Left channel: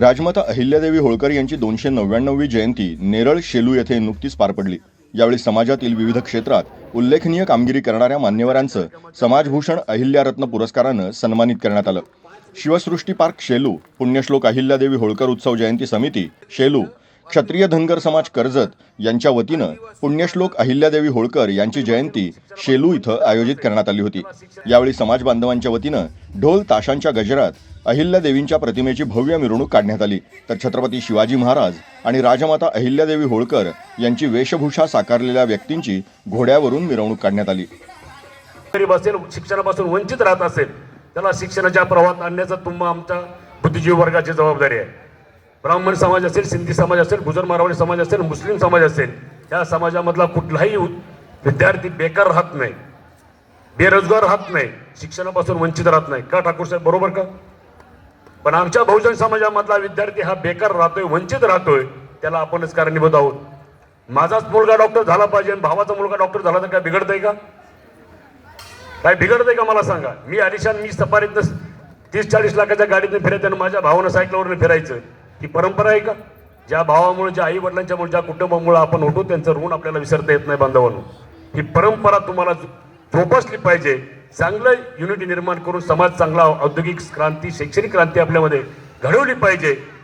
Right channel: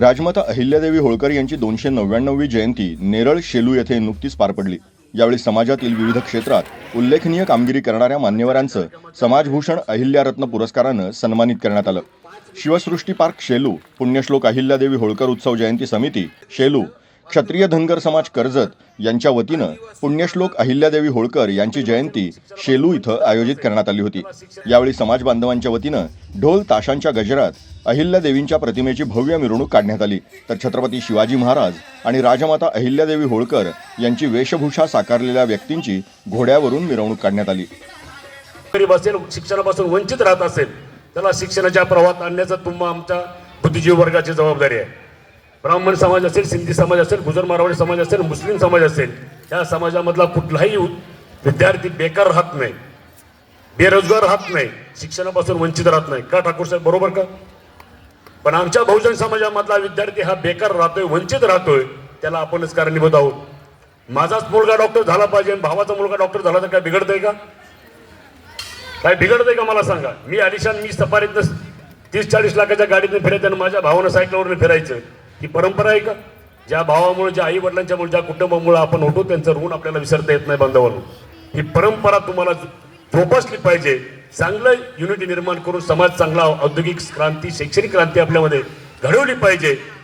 राजमाता अहिल्यादेवी होळकर यांची दोनशे नव्याण्णववी जयंती नेरळ शेलू येथे नुकतीच पार पडली. यावेळी समाजातील विविध क्षेत्रात उल्लेखनीय कामगिरी करणाऱ्या मान्यवरांचं समाजभूषण अहिल्यारत्न पुरस्कारानं सन्मानित करण्यात आलं. शिवसृष्टी पार्क शेलू पुण्यश्लोक अहिल्यादेवी होळकर उत्सव जयंती समिती शेलू क्षत्रिय धनगर समाज कर्जत यांच्या वतीनं पुण्यश्लोक अहिल्यादेवी होळकर यांची जयंती शेलू इथं आयोजित करण्यात आली होती. यावेळी समाज बांधवांच्या वतीनं ढोल ताशांच्या गजरात अहिल्यादेवींच्या प्रतिमेची भव्य मिरवणूक काढण्यात आली. तर छत्रपती शिवाजी महाराज आणि राजमाता अहिल्यादेवी होळकर यांची वेशभूषा साकारलेल्या व्यक्तींची घोड्यावरून मिरवणूक काढण्यात आली. असेल शिक्षणापासून वंचित राहत असेल त्याला शिक्षणाच्या प्रवाहात आणण्याचा तुम्हा आमच्या बुद्धिजीवी वर्गाची जबाबदारी आहे. ब्राह्मण समाज असेल सिंधी समाज असेल गुजर मारवाडी समाज असेल मुस्लिम समाज असेल या समाजामधला कुठलाही विद्यार्थी बेकार राहत नाही बेरोजगार राहत नाही शिक्षणापासून वंचित राहत नाही. का ठाकूर साहेब बरोबर का? पण आमच्या बहुजन समाजामधला विद्यार्थी हा बेकार राहतोय वंचित राहतोय त्याला आपणच कारणीभूत आहोत. माझाच मुलगा डॉक्टर झाला पाहिजे आणि भावाचा मुलगा डॉक्टर झाला तर काय बिघडतंय का? काय बिघडतंय का मला सांगा? मी आलिशान मी सफारीतनं तीस चाळीस लाखाच्या गाडीतनं फिरायचं आणि माझ्या भावानं सायकलवर फिरायचं. ही परंपरा आहे का? ज्या भावामुळे ज्या आई वडिलांच्यामुळे ज्या कुटुंबामुळे आपण होतो त्यांचं ऋण आपल्याला विसरता येत नाही बांधवांनो ही परंपरा तुम्हाला जोपासली पाहिजे. चांगलं युनिटी निर्माण करून समाज चांगला औद्योगिक क्रांती शैक्षणिक क्रांती आपल्यामध्ये घडवली पाहिजे.